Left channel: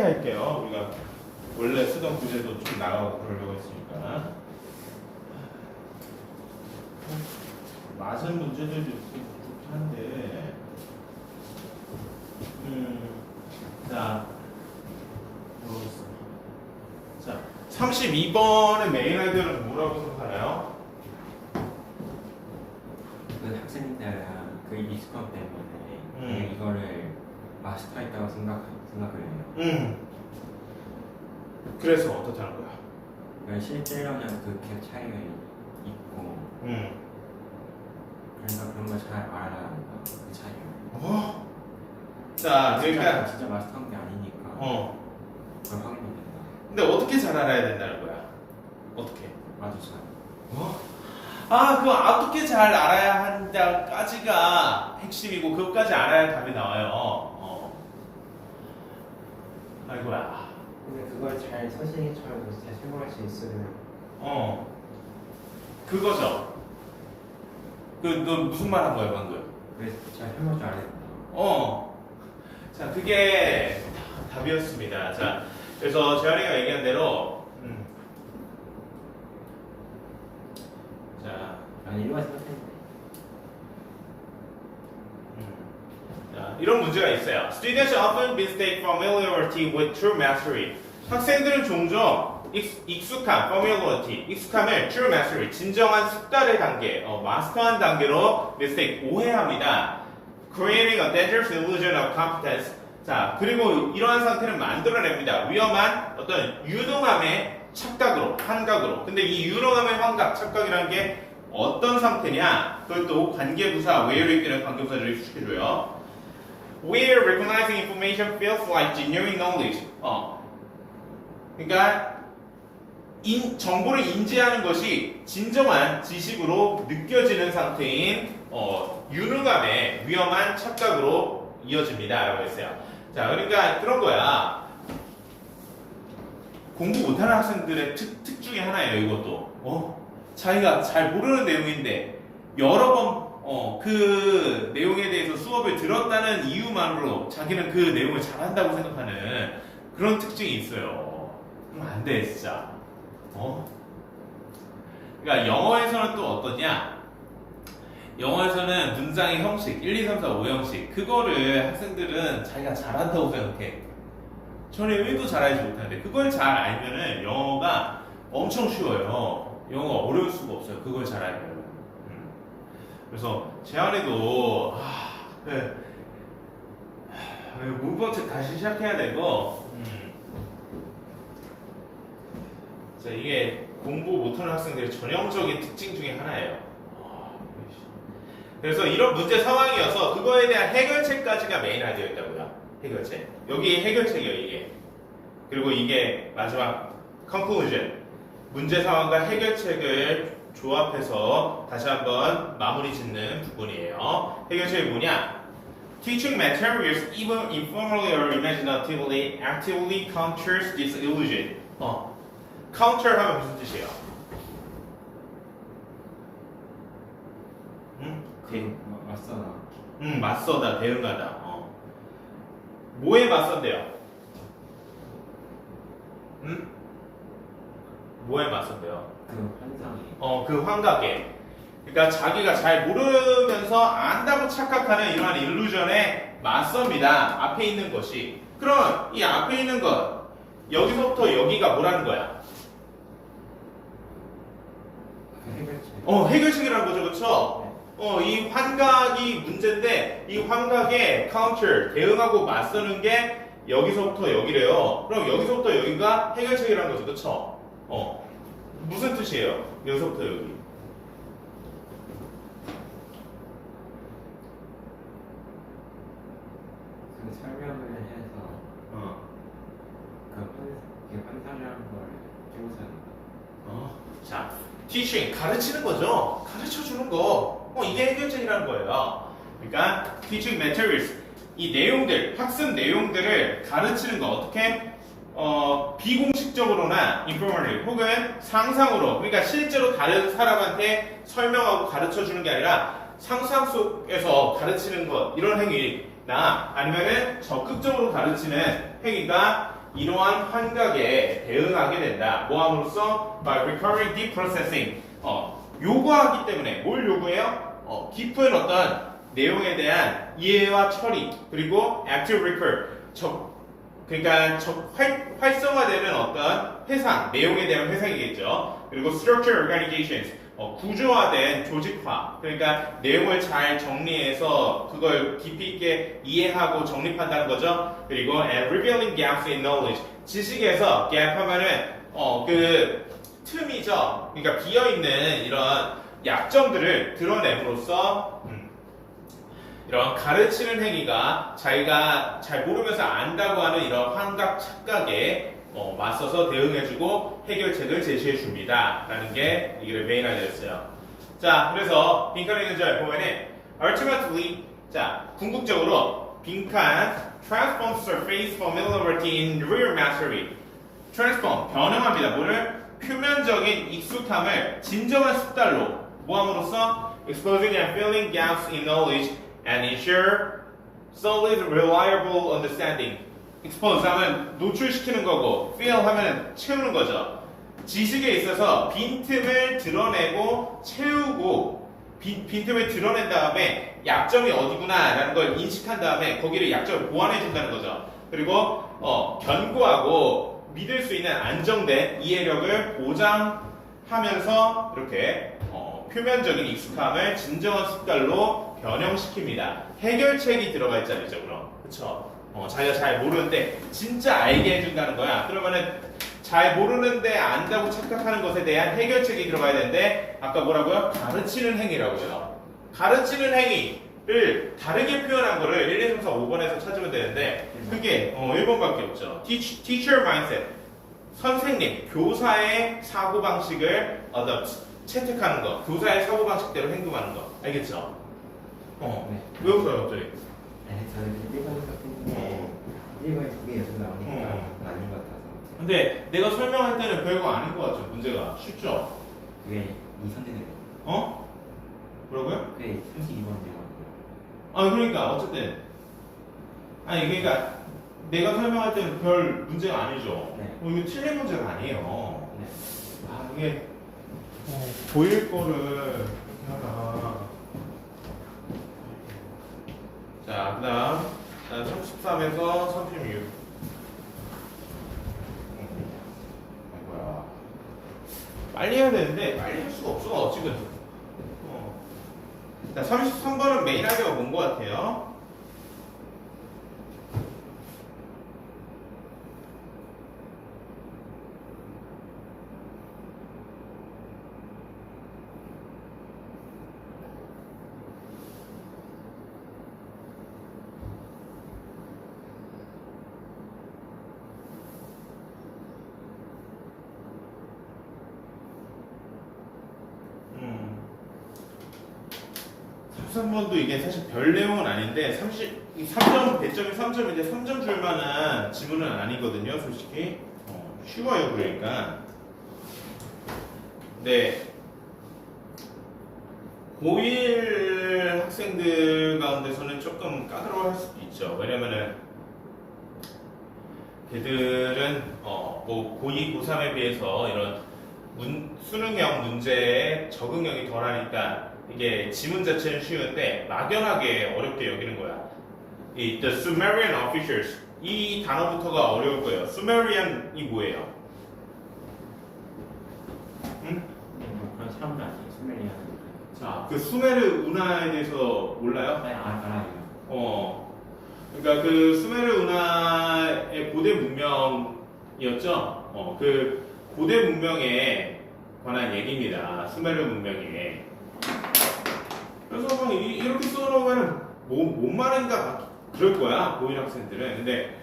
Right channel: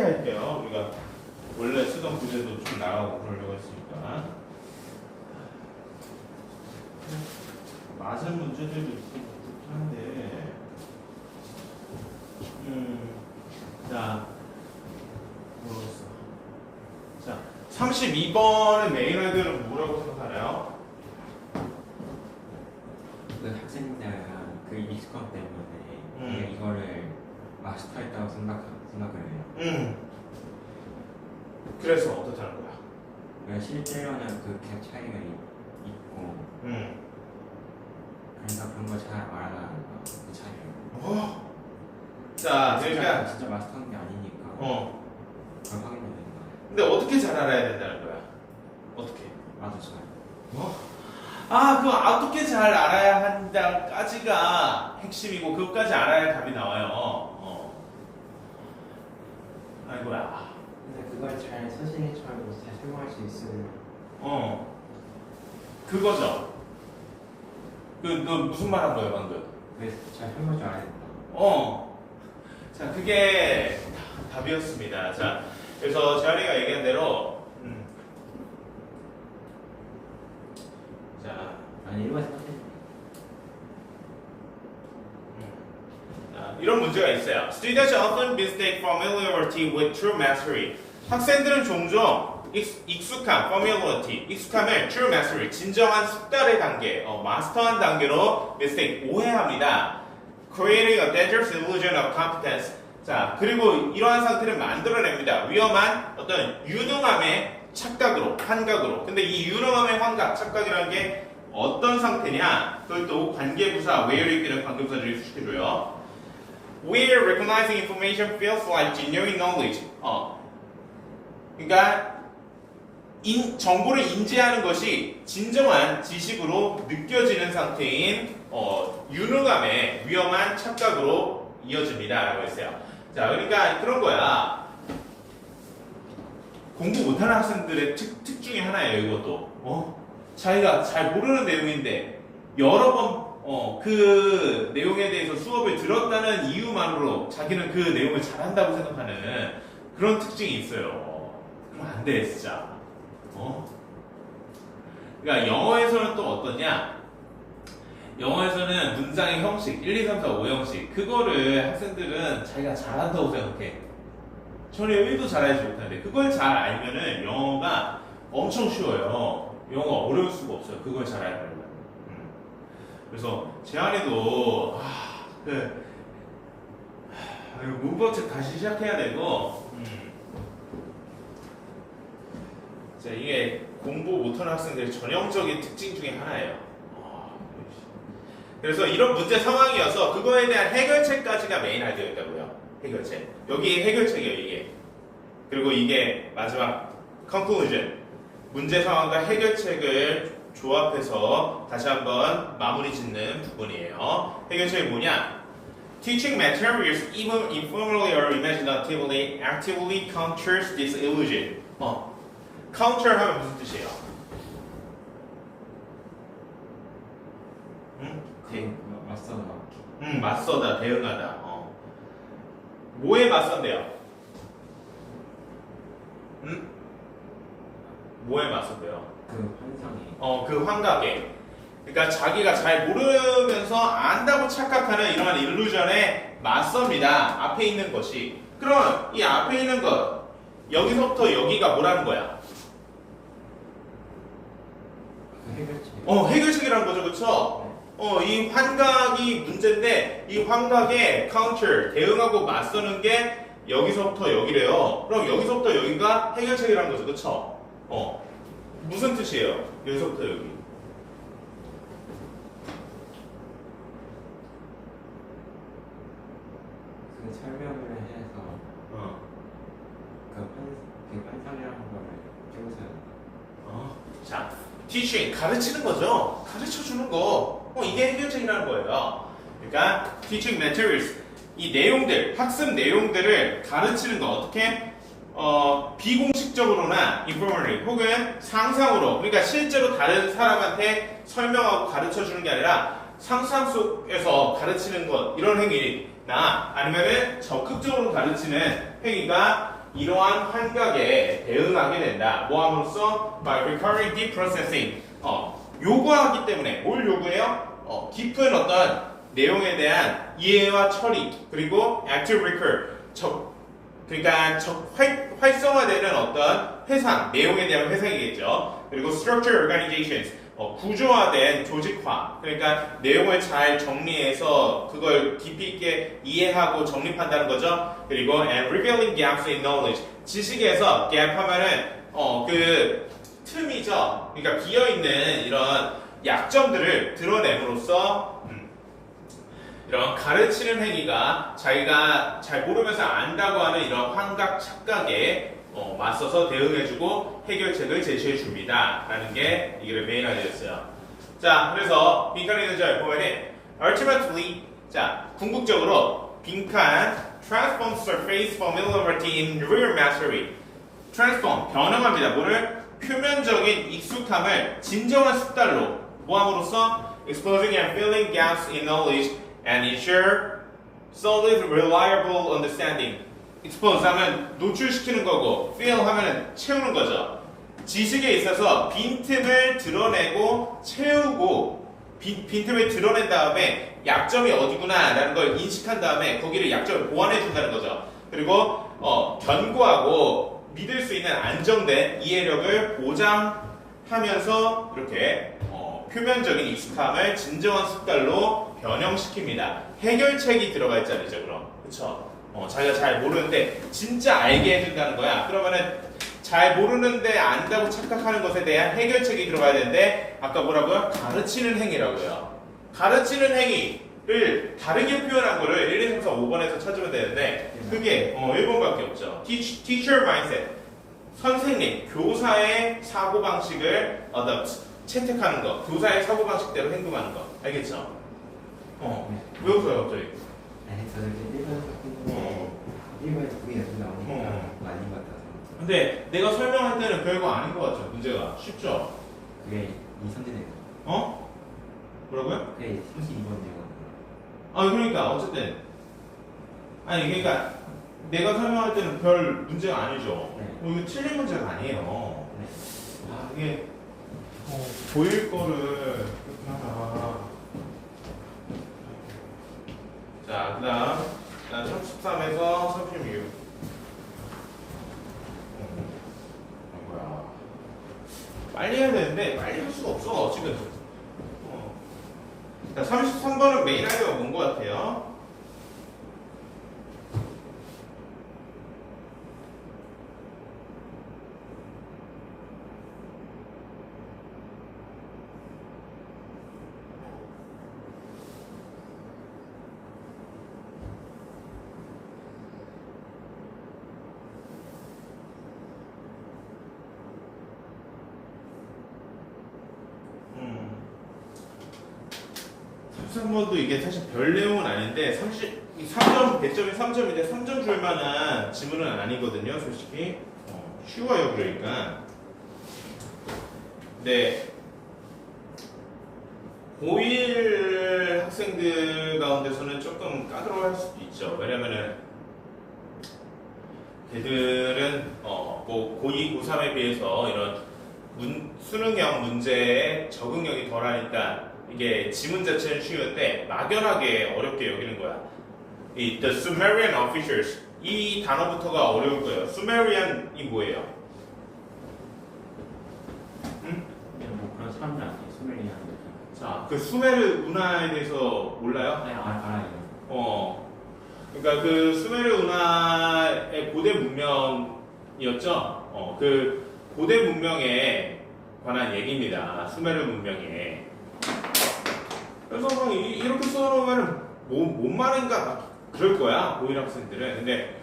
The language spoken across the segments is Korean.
할게요. 우리가 원래 쓰던 부제도 좀 나가고 그러려고 했으니까. 맞은 문제들도 있고 그렇긴 한데. 자, 모르겠어. 자, 32번의 메인 아이디어는 뭐라고 생각하나요? 그 학생들 그 익숙함 때문에 이거를 마스터했다고 생각을 해요. 그래서 어떻다는 거야? 실제로는 그 갭 차이가 있고 그래서 그런 걸 잘 알아야 그 차이를. 자, 그러니까 진짜 마스터한 게 아니니까 그걸 확인해야 된다. 근데 어떻게 잘 알아야 된다는 거야? 어떻게? 아주 잘. 그거 어떻게 잘 알아야 한다까지가 핵심이고 그것까지 알아야 답이 나와요. 아이고야. 근데 그걸 잘 선생님처럼 잘 설명할 수 있으면. 그거죠. 너 무슨 말 한 거야 방금? 그래 잘 설명 줄 알아야 된다. 자, 그게 답이었습니다. 자, 그래서 재현이가 얘기한 대로, 자, 아니 일반 선생님. 자, 이런 문제가 있어요. Students often mistake familiarity with true mastery. 학생들은 종종 익숙함, familiarity, 익숙함을 true mastery, 진정한 숙달의 단계, 마스터한 단계로 mistake, 오해합니다. Creating a dangerous illusion of competence. 자, 그리고 이러한 상태를 만들어냅니다. 위험한 어떤 유능함의 착각으로, 환각으로. 근데 이 유능함의 환각, 착각이라는 게 어떤 상태냐? 그것도 관계부사, where를 이끄는 관계부사들이 수식해줘요. Where recognizing information feels like genuine knowledge. 그러니까 정보를 인지하는 것이 진정한 지식으로 느껴지는 상태인 유능함의 위험한 착각으로 이어집니다. 라고 했어요. 자, 그러니까 그런 거야. 공부 못하는 학생들의 특 중에 하나예요. 이것도. 자기가 잘 모르는 내용인데 여러 번 그 내용에 대해서 수업을 들었다는 이유만으로 자기는 그 내용을 잘한다고 생각하는 그런 특징이 있어요. 그럼 안 돼, 진짜. 그러니까 영어에서는 또 어떠냐? 영어에서는 문장의 형식, 1, 2, 3, 4, 5 형식, 그거를 학생들은 자기가 잘한다고 생각해. 저는 1도 잘하지 못하는데, 그걸 잘 알면은 영어가 엄청 쉬워요. 영어가 어려울 수가 없어요. 그걸 잘 알면. 그래서 재환이도 문법책 다시 시작해야 되고, 자, 이게 공부 못하는 학생들의 전형적인 특징 중에 하나예요. 그래서 이런 문제 상황이어서 그거에 대한 해결책까지가 메인 아이디어였다고요. 해결책. 여기 해결책이에요, 이게. 그리고 이게 마지막 conclusion. 문제 상황과 해결책을 조합해서 다시 한번 마무리 짓는 부분이에요. 해결책이 뭐냐? Teaching materials even informally or imaginatively actively counters this illusion. counter 하면 무슨 뜻이에요? 맞서나. 맞서다, 대응하다. 뭐에 맞선대요? 뭐에 맞선대요? 그 환상이. 그 환각에. 그러니까 자기가 잘 모르면서 안다고 착각하는 이러한 일루전에 맞섭니다. 앞에 있는 것이. 그럼 이 앞에 있는 것, 여기서부터 여기가 뭐라는 거야? 해결책. 해결책이라는 거죠, 그렇죠? 이 환각이 문제인데 이 환각에 counter, 대응하고 맞서는 게 여기서부터 여기래요. 그럼 여기서부터 여기가 해결책이라는 거죠, 그렇죠? 무슨 뜻이에요? 여기서부터 여기. 그 설명을 해서 그 환상이라는 걸 찍어서 자, teaching, 가르치는 거죠. 가르쳐 주는 거. 이게 해결책이라는 거예요. 그러니까 teaching materials, 이 내용들, 학습 내용들을 가르치는 거 어떻게? 비공식적으로나 informally 혹은 상상으로, 그러니까 실제로 다른 사람한테 설명하고 가르쳐 주는 게 아니라 상상 속에서 가르치는 것, 이런 행위나 아니면은 적극적으로 가르치는 행위가 이러한 환각에 대응하게 된다. 뭐 함으로써? By recurring deep processing. 요구하기 때문에 뭘 요구해요? 깊은 어떤 내용에 대한 이해와 처리 그리고 active recall. 그러니까 활성화되는 어떤 회상, 내용에 대한 회상이겠죠. 그리고 structure organizations. 구조화된 조직화, 그러니까 내용을 잘 정리해서 그걸 깊이 있게 이해하고 정립한다는 거죠. 그리고 and revealing gaps in knowledge, 지식에서 gap 하면은 그 틈이죠. 그러니까 비어 있는 이런 약점들을 드러냄으로써 이런 가르치는 행위가 자기가 잘 모르면서 안다고 하는 이런 환각 착각에 맞서서 대응해주고 해결책을 제시해줍니다. 라는 게 이게 메인 알려졌어요. 자, 그래서 빈칸에 있는 절 보면은 ultimately, 자, 궁극적으로 빈칸 transform surface familiarity in real mastery. transform, 변형합니다. 뭐를? 표면적인 익숙함을 진정한 습달로 모함으로써 exposing and filling gaps in knowledge and ensure solid, reliable understanding. expose 하면 노출시키는 거고 fill 하면 채우는 거죠. 지식에 있어서 빈틈을 드러내고 채우고 빈틈을 드러낸 다음에 약점이 어디구나 라는 걸 인식한 다음에 거기를 약점을 보완해 준다는 거죠. 그리고 견고하고 믿을 수 있는 안정된 이해력을 보장하면서 이렇게 표면적인 익숙함을 진정한 습달로 변형시킵니다. 해결책이 들어가 있잖아요, 그럼. 그쵸? 자기가 잘 모르는데 진짜 알게 해준다는 거야. 그러면은 잘 모르는데 안다고 착각하는 것에 대한 해결책이 들어가야 되는데 아까 뭐라고요? 가르치는 행위라고요. 가르치는 행위를 다르게 표현한 거를 1, 2, 3, 4, 5번에서 찾으면 되는데 그게 1번밖에 없죠. Teacher mindset. 선생님, 교사의 사고방식을 채택하는 거. 교사의 사고방식대로 행동하는 거. 알겠죠? 왜 웃어요, 갑자기? 저는 일본에 그게 계속 나오니까 아닌 것 같아서. 근데 내가 설명할 때는 별거 아닌 것 같죠, 문제가. 쉽죠? 그게 이 선진의 뭐라고요? 그게 32번이거든요. 그러니까 어쨌든 그러니까 내가 설명할 때는 별 문제가 아니죠. 네. 이거 틀린 문제가 아니에요. 네. 이게 보일 거를 이렇게 하다가 자, 그 다음 33에서 36 뭐야 빨리 해야 되는데 빨리 할 수가 없어 지금. 자, 33번은 메인 아이디어가 뭔 것 같아요? 삼번도 이게 사실 별 내용은 아닌데 3점 배점이 3점인데 3점 줄 만한 지문은 아니거든요, 솔직히. 쉬워요, 그러니까. 네. 고1 학생들 가운데서는 조금 까다로워할 수도 있죠. 왜냐면은 걔들은 뭐 고2, 고3에 비해서 이런 수능형 문제에 적응력이 덜하니까 이게 지문 자체는 쉬운데 막연하게 어렵게 여기는 거야. 이 The Sumerian Officers, 이 단어부터가 어려울 거예요. Sumerian이 뭐예요? 응? 뭐 그런 사람들 아니에요. 수면이라는 거. 자, 그 수메르 운하에 대해서 몰라요? 알아요. 그러니까 그 수메르 운하의 고대 문명이었죠. 그 고대 문명에 관한 얘기입니다. 수메르 문명에. 그래서 뭐 이렇게 써놓으면 뭔 말인가 그럴 거야, 고1 학생들은. 근데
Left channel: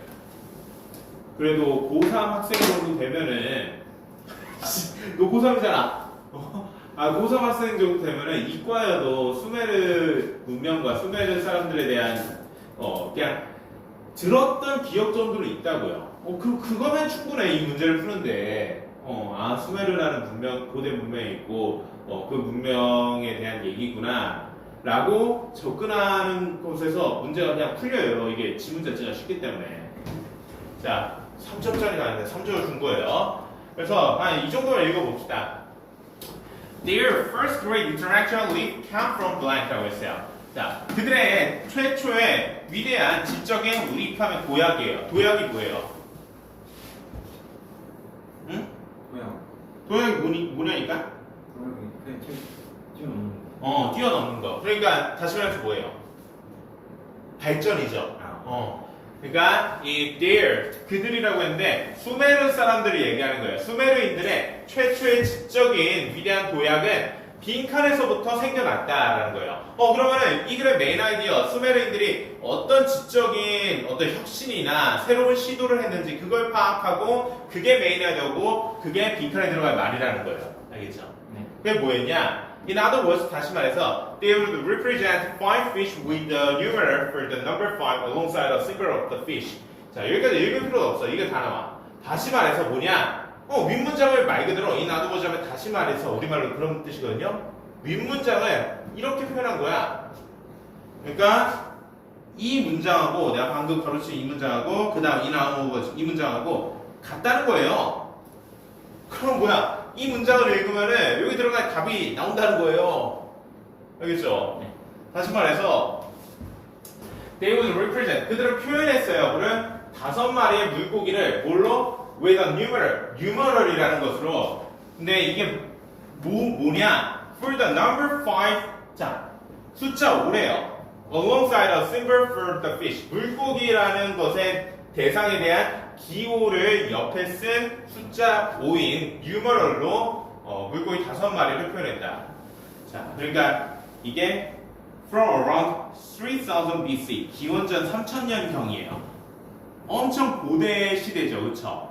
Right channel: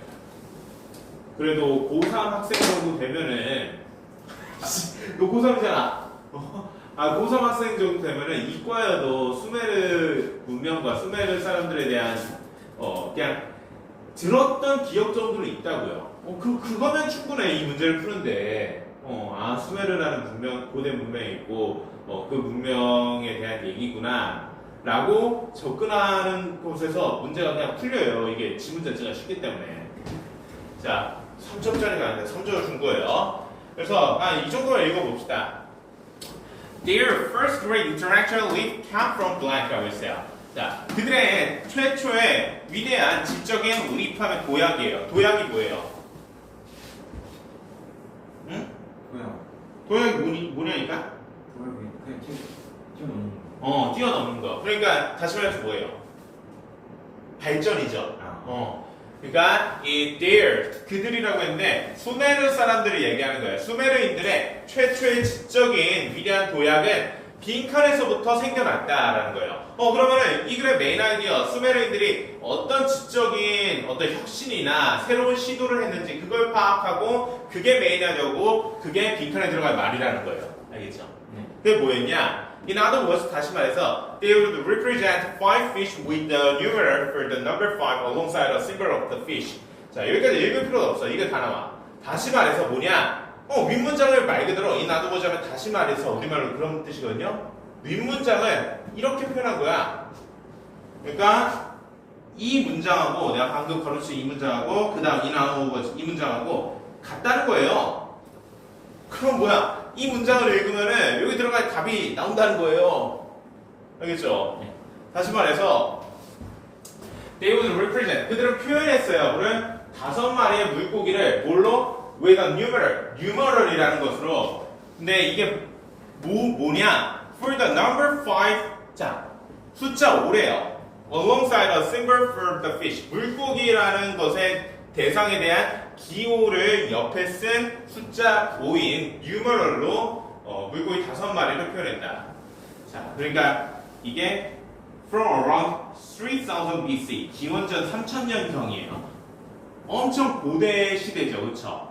그래도 고3 학생 정도 되면은 너 고3이잖아. 고3 학생 정도 되면은 이과여도 수메르 문명과 수메르 사람들에 대한 그냥 들었던 기억 정도는 있다고요. 그거면 충분해, 이 문제를 푸는데. 수메르라는 문명, 고대 문명이 있고 그 문명에 대한 얘기구나 라고 접근하는 곳에서 문제가 그냥 풀려요. 이게 지문 자체가 쉽기 때문에. 자, 3점짜리가 아닌데 3점을 준 거예요. 그래서 이 정도만 읽어봅시다. Their first great intellectual leap came from blank라고 했어요. 자, 그들의 최초의 위대한 지적인 리프하면 도약이에요. 도약이 뭐예요? 응? 뭐야? 도약이 뭐냐니까? 그냥 뛰어넘는 거. 뛰어넘는 거. 그러니까 다시 말해서 뭐예요? 발전이죠. 그러니까 이 their 그들이라고 했는데 수메르 사람들을 얘기하는 거예요. 수메르인들의 최초의 지적인 위대한 도약은 빈칸에서부터 생겨났다라는 거예요. 그러면은 이 글의 메인 아이디어 수메르인들이 어떤 지적인 어떤 혁신이나 새로운 시도를 했는지 그걸 파악하고 그게 메인 아이디어고 그게 빈칸에 들어갈 말이라는 거예요. 알겠죠? 네. 그게 뭐였냐? In other words, 다시 말해서 they would represent 5 fish with the numerator for the number 5 alongside a symbol of the fish. 자, 여기까지 읽을 필요가 없어. 이게 다 나와. 다시 말해서 뭐냐? 윗문장을 말 그대로 in other words 하면 다시 말해서 우리말로 그런 뜻이거든요. 윗문장을 이렇게 표현한 거야. 그러니까 이 문장하고 내가 방금 가르친 이 문장하고 그 다음 in other words 이 문장하고 같다는 거예요. 그럼 뭐야? 이 문장을 읽으면은 여기 들어갈 답이 나온다는 거예요. 알겠죠? 네. 다시 말해서 they would represent 그들은 표현했어요. 그를 5마리의 물고기를 뭘로? with a numeral이라는 것으로. 근데 이게 뭐냐? for the number 5 자, 숫자 5래요. alongside a symbol for the fish 물고기라는 것의 대상에 대한 기호를 옆에 쓴 숫자 5인 numeral로 물고기 5마리를 표현했다. 자, 그러니까 이게 from around 3000 BC 기원전 3000년경이에요. 엄청 고대 시대죠, 그렇죠?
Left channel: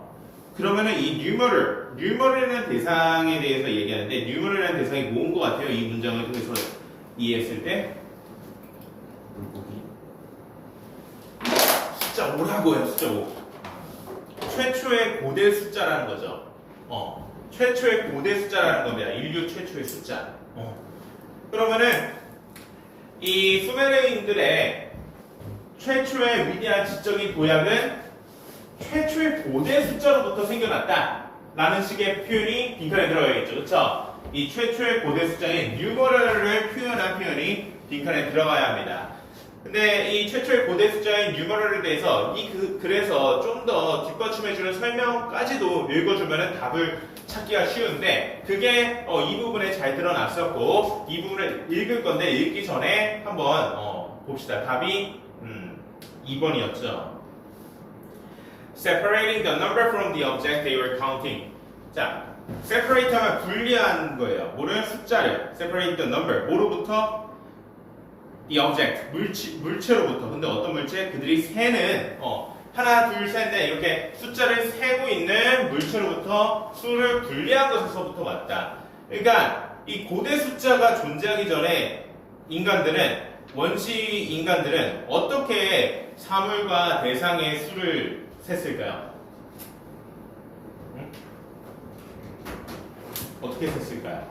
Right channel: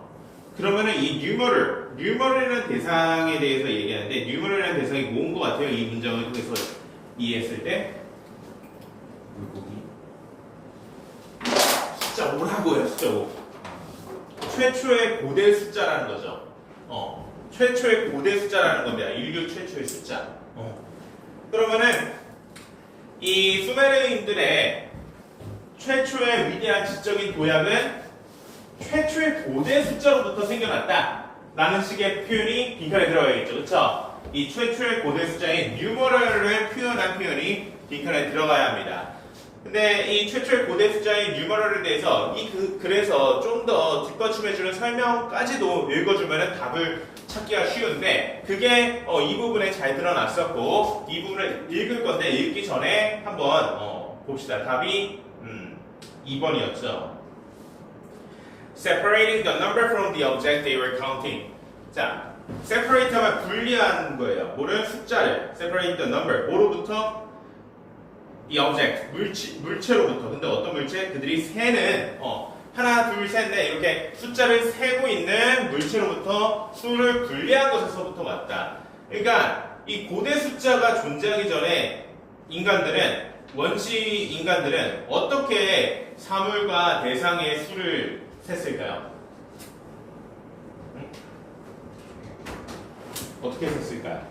그러면은 이 numeral이라는 대상에 대해서 얘기하는데 numeral이라는 대상이 뭔 것 같아요? 이 문장을 통해서 이해했을 때 물고기. 숫자 5라고요, 숫자 5. 최초의 고대 숫자라는 거죠. 최초의 고대 숫자라는 겁니다. 인류 최초의 숫자. 그러면은 이 수메르인들의 최초의 위대한 지적인 도약은 최초의 고대 숫자로부터 생겨났다 라는 식의 표현이 빈칸에 들어가야겠죠. 그렇죠? 이 최초의 고대 숫자인 numeral을 표현한 표현이 빈칸에 들어가야 합니다. 근데 이 최초의 고대 숫자인 numeral에 대해서 그래서 좀 더 뒷받침해주는 설명까지도 읽어주면 답을 찾기가 쉬운데 그게 이 부분에 잘 드러났었고 이 부분을 읽을 건데 읽기 전에 한번 봅시다. 답이 2번이었죠. Separating the number from the object they were counting. 자, separate 하면 분리한 거예요. 뭐를? 숫자를. Separate the number. 뭐로부터? The object. 물체로부터. 근데 어떤 물체? 그들이 세는 하나, 둘, 셋, 넷 이렇게 숫자를 세고 있는 물체로부터 수를 분리한 것에서부터 왔다. 그러니까 이 고대 숫자가 존재하기 전에 원시 인간들은 어떻게 사물과 대상의 수를 셌을까요? 어떻게 셌을까요?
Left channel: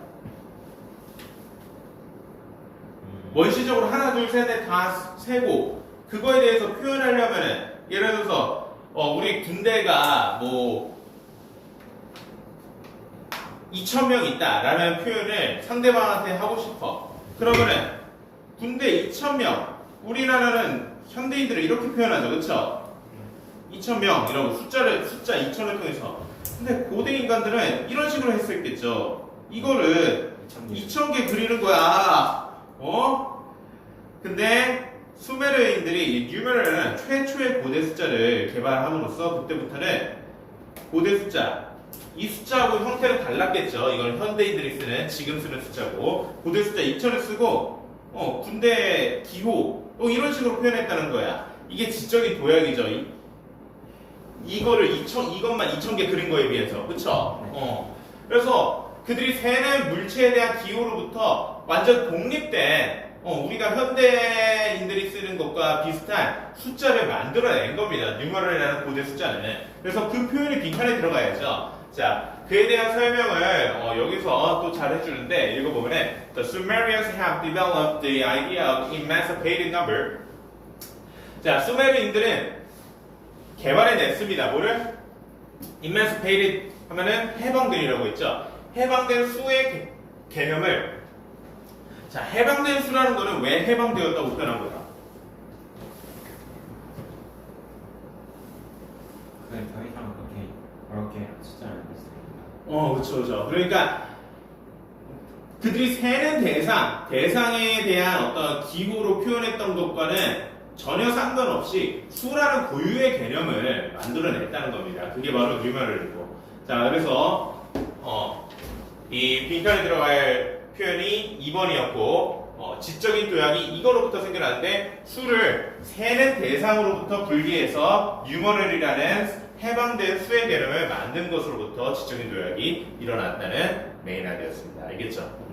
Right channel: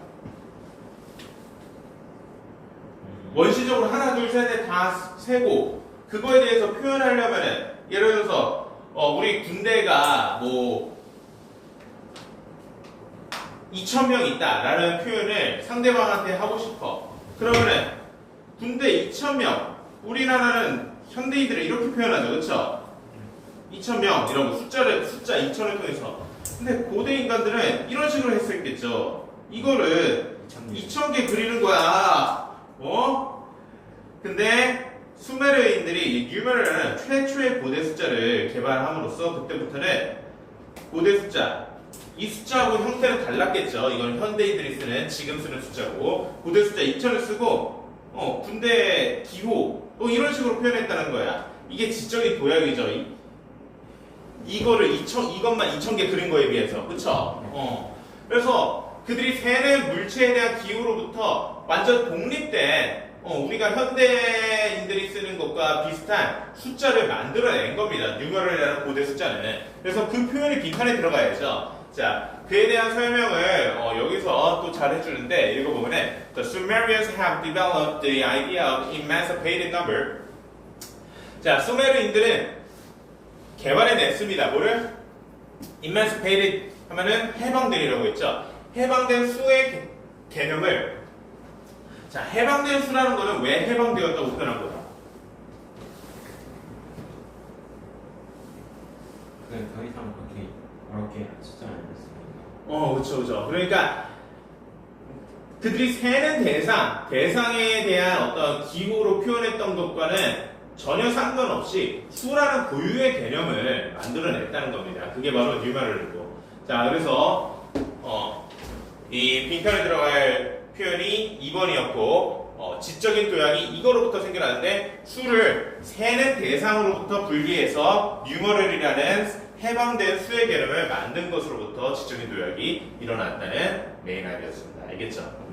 원시적으로 하나, 둘, 셋, 넷 다 세고 그거에 대해서 표현하려면은 예를 들어서 우리 군대가 뭐 2,000명 있다라는 표현을 상대방한테 하고 싶어. 그러면은 군대 2,000명 우리나라는 현대인들을 이렇게 표현하죠. 그렇죠? 2,000명 이라고 숫자 2,000을 통해서. 근데 고대 인간들은 이런 식으로 했었겠죠. 이거를 2,000개 그리는 거야. 근데 수메르인들이 numeral은 최초의 고대 숫자를 개발함으로써 그때부터는 고대 숫자 이 숫자하고 형태는 달랐겠죠. 이건 현대인들이 쓰는 지금 쓰는 숫자고 고대 숫자 2,000을 쓰고 군대 기호 이런 식으로 표현했다는 거야. 이게 지적인 도약이죠. 이것만 2,000개 그린 거에 비해서. 그쵸? 그래서 그들이 세는 물체에 대한 기호로부터 완전 독립된 우리가 현대인들이 쓰는 것과 비슷한 숫자를 만들어낸 겁니다. numeral이라는 고대 숫자는. 그래서 그 표현이 빈칸에 들어가야죠. 자, 그에 대한 설명을 여기서 또 잘 해주는데 읽어보면은 The Sumerians have developed the idea of emancipated number. 자, 수메르인들은 개발해냈습니다. 뭐를? emancipated 하면은 해방된이라고 했죠. 해방된 수의 개념을 자, 해방된 수라는 거는 왜 해방되었다고 표현한 거야? 그게 더 이상 그렇게 어렵게 숫자를 안 했습니다. 그렇죠. 그러니까 그들이 세는 대상에 대한 어떤 기호로 표현했던 것과는 전혀 상관없이 수라는 고유의 개념을 만들어냈다는 겁니다. 그게 바로 뉴메럴이고. 자, 그래서 이 빈칸에 들어갈 표현이 2번이었고 지적인 도약이 이거로부터 생겨나는데 수를 세는 대상으로부터 분리해서 뉴머럴이라는 해방된 수의 개념을 만든 것으로부터 지적인 도약이 일어났다는 메인 아이디어였습니다. 알겠죠?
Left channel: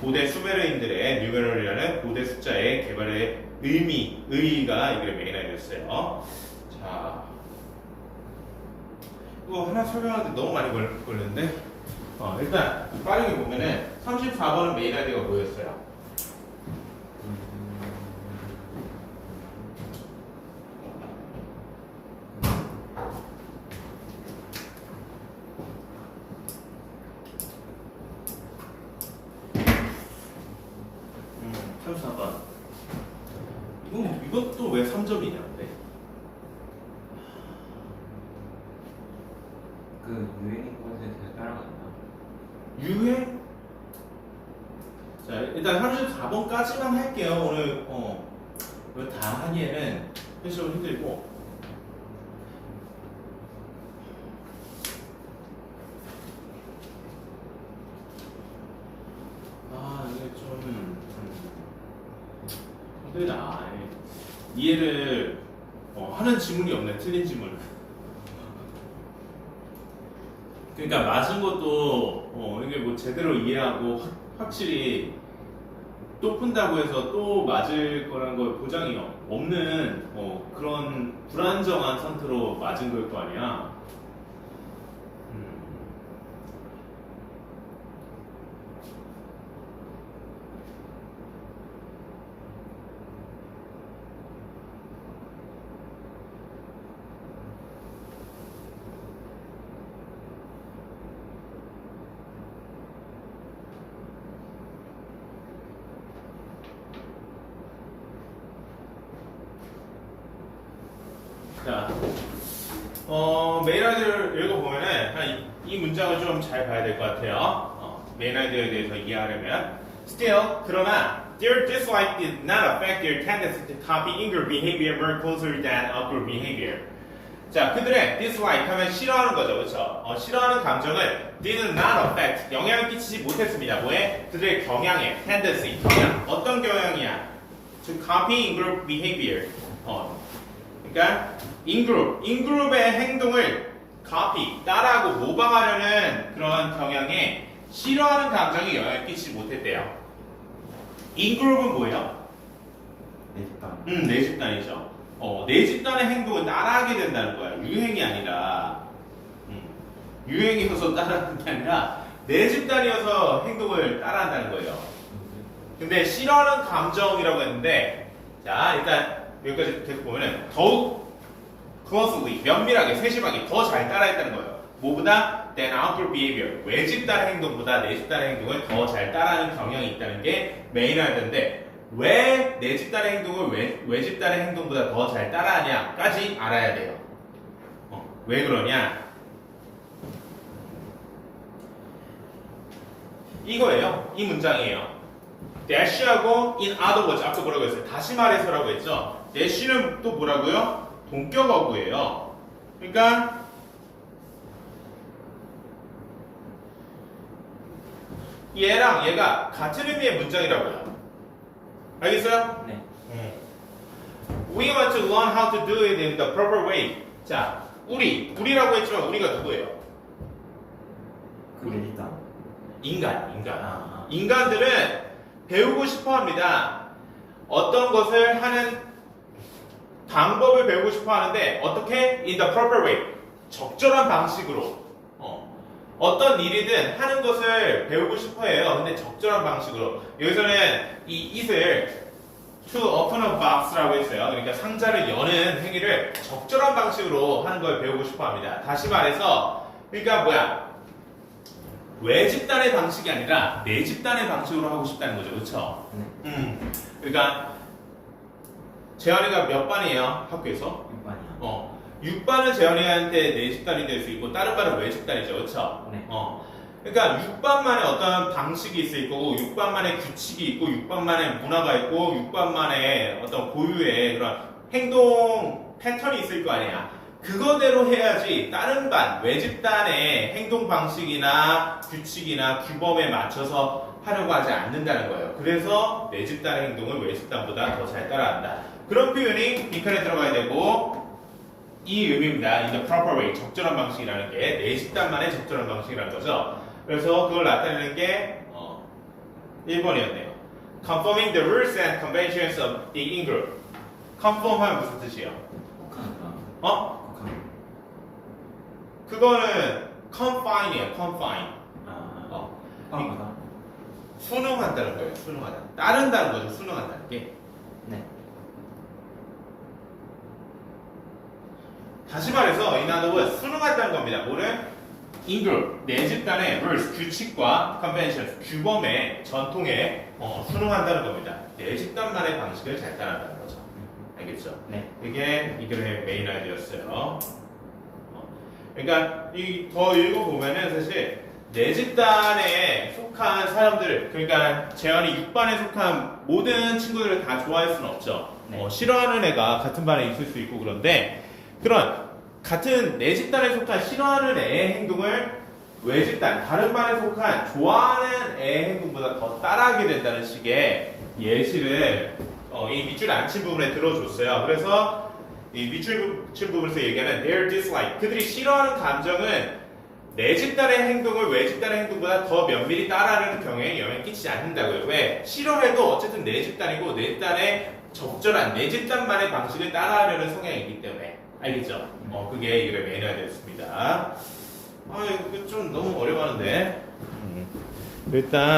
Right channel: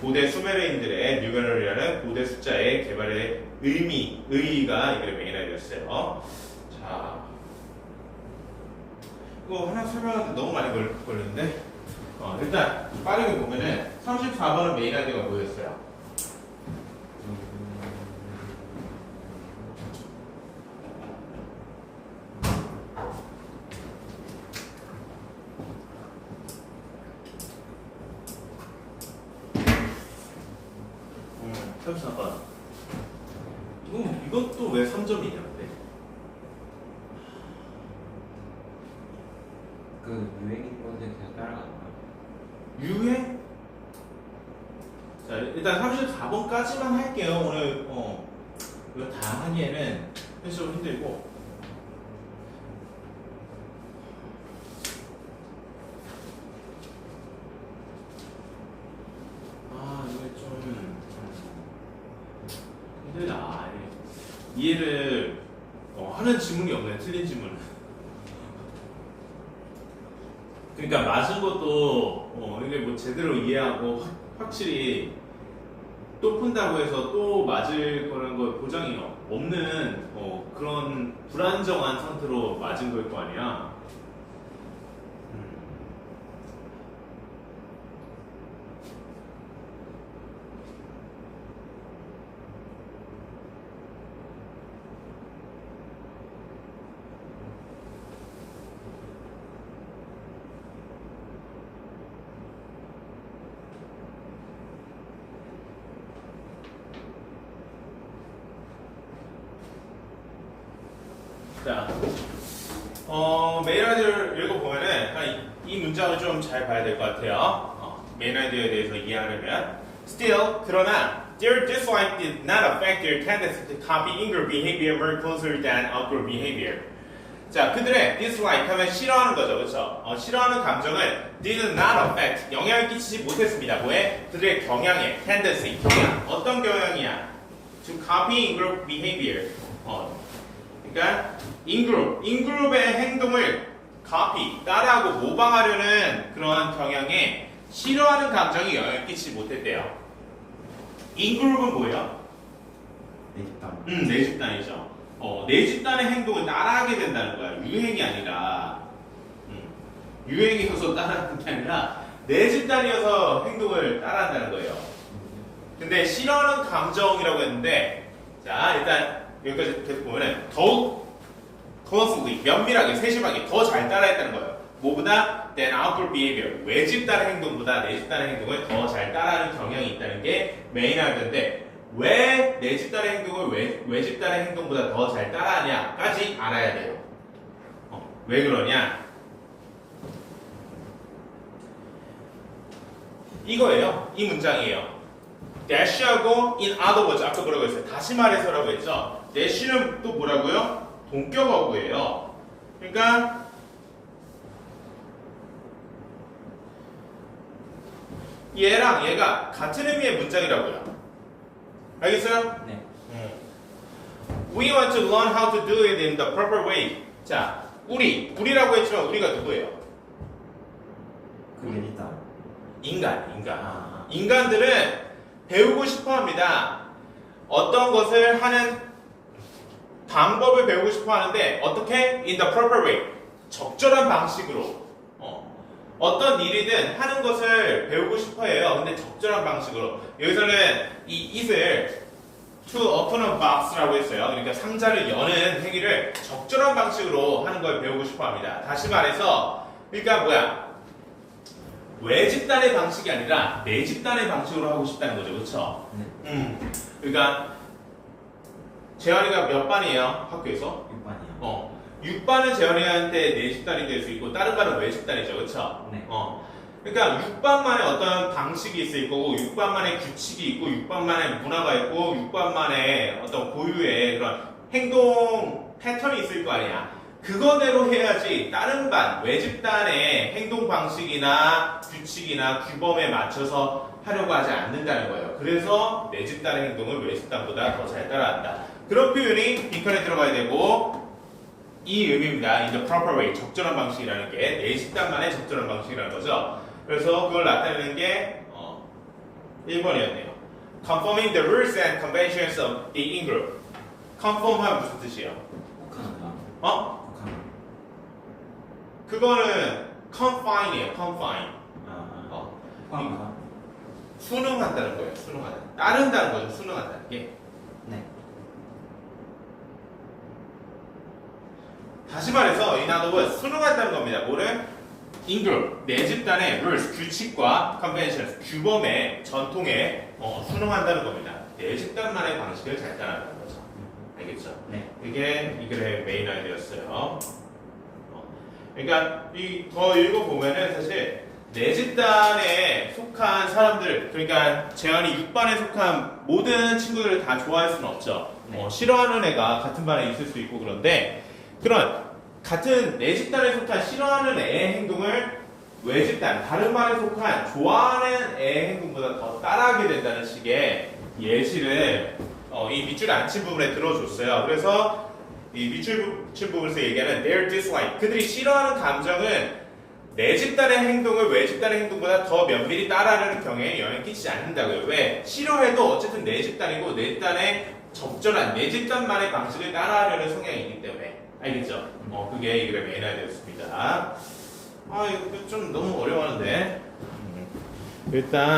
고대 수메르인들의 뉴메럴이라는 고대 숫자의 개발의 의의가 이게 메인 아이디어였어요. 자, 이거 하나 설명하는데 너무 많이 걸렸는데 일단 빠르게 보면은 34번은 메인 아이디어가 뭐였어요? 이것도 왜 3점이냐? 그 유행인 것에 그냥 따라가는 거. 유행? 자, 일단 34번까지만 할게요. 오늘 이거 다 하기에는 현실적으로 힘들고. 이게 좀 힘들다. 이해를 하는 지문이 없네. 틀린 지문. 그러니까 맞은 것도 이게 뭐 제대로 이해하고 확실히 또 푼다고 해서 또 맞을 거라는 거 보장이 없는 그런 불안정한 상태로 맞은 걸 거 아니야. 자, 메인 아이디어를 읽어보면은 이 문장을 좀 잘 봐야 될 것 같아요. 메인 아이디어에 대해서 이해하려면 Still, 그러나 their dislike did not affect their tendency to copy in-group behavior more closely than out-group behavior. 자, 그들의 dislike 하면 싫어하는 거죠, 그렇죠? 싫어하는 감정을 did not affect 영향을 끼치지 못했습니다. 뭐에? 그들의 경향에 tendency, 경향. 어떤 경향이야? To copy in-group behavior. 그러니까 인그룹의 행동을 copy, 따라하고 모방하려는 그런 경향에 싫어하는 감정이 영향을 끼치지 못했대요. 인그룹은 뭐예요? 내 집단. 내 집단이죠. 내 집단의 행동을 따라하게 된다는 거야. 유행이 아니라 유행이어서 따라하는 게 아니라 내 집단이어서 행동을 따라한다는 거예요. 근데 싫어하는 감정이라고 했는데 자 일단 여기까지 계속 보면은 더욱 closely, 면밀하게, 세심하게 더 잘 따라했다는 거예요. 뭐보다? than outgroup behavior. 외집단의 행동보다 내집단의 행동을 더 잘 따라하는 경향이 있다는 게 메인 아이디어인데 왜 내집단의 행동을 외집단의 행동보다 더 잘 따라하냐까지 알아야 돼요. 왜 그러냐? 이거예요. 이 문장이에요. dash하고 in other words 아까 뭐라고 했어요? 다시 말해서라고 했죠. dash는 또 뭐라고요? 동격어구예요. 그러니까 얘랑 얘가 같은 의미의 문장이라고요. 알겠어요? 네. We want to learn how to do it in the proper way. 자, 우리라고 했지만 우리가 누구예요? 그 내 집단. 인간. 인간들은 배우고 싶어 합니다. 어떤 것을 하는 방법을 배우고 싶어 하는데 어떻게? In the proper way. 적절한 방식으로. 어떤 일이든 하는 것을 배우고 싶어 해요. 근데 적절한 방식으로. 여기서는 이 it을 to open a box라고 했어요. 그러니까 상자를 여는 행위를 적절한 방식으로 하는 걸 배우고 싶어 합니다. 다시 말해서, 그러니까 뭐야? 외집단의 방식이 아니라 내집단의 방식으로 하고 싶다는 거죠. 그렇죠? 그러니까 재현이가 몇 반이에요? 학교에서? 6반이요. 6반은 재현이한테 내집단이 될 수 있고 다른 반은 외집단이죠. 그렇죠? 네. 그러니까 6반만의 어떤 방식이 있을 거고 6반만의 규칙이 있고 6반만의 문화가 있고 6반만의 어떤 고유의 그런 행동 패턴이 있을 거 아니야. 그거대로 해야지 다른 반, 외집단의 행동 방식이나 규칙이나 규범에 맞춰서 하려고 하지 않는다는 거예요. 그래서 내집단의 행동을 외집단보다 더 잘 따라한다. 그런 표현이 빈칸에 들어가야 되고 이 의미입니다. In the proper way, 적절한 방식이라는 게 내집단만의 적절한 방식이라는 거죠. 그래서 그걸 나타내는 게 1번이었네요. Conforming the rules and conventions of the in-group. Conform하면 무슨 뜻이에요? 혹하는가? 그거는 confine이에요. confine. 혹하는가? 순응한다는 거예요. 순응한다. 따른다는 거죠. 순응한다는 게. 네. 다시 말해서 이 단어는 순응한다는 겁니다. 뭐를? in-group, 내 집단의 rules, 규칙과 conventions, 규범에, 전통에 순응한다는 겁니다. 내 집단만의 방식을 잘 따라가는 거죠. 알겠죠? 네. 이게 이 글의 메인 아이디어였어요. 그러니까 더 읽어보면은 사실 내 집단에 속한 사람들, 그러니까 재현이 6반에 속한 모든 친구들을 다 좋아할 수는 없죠. 네. 싫어하는 애가 같은 반에 있을 수 있고 그런데 그런 같은 내 집단에 속한 싫어하는 애의 행동을 외 집단, 다른 반에 속한 좋아하는 애의 행동보다 더 따라하게 된다는 식의 예시를 이 밑줄 안 친 부분에 들어줬어요. 그래서 이 밑줄 친 부분에서 얘기하는 their dislike, 그들이 싫어하는 감정은 내 집단의 행동을 외 집단의 행동보다 더 면밀히 따라하려는 경우에 영향을 끼치지 않는다고요. 왜? 싫어해도 어쨌든 내 집단이고 내 집단의 적절한 내 집단만의 방식을 따라하려는 성향이 있기 때문에. 알겠죠? 그게 이게 메인 아이디어였습니다. 이거 좀 너무 어려워하는데. 일단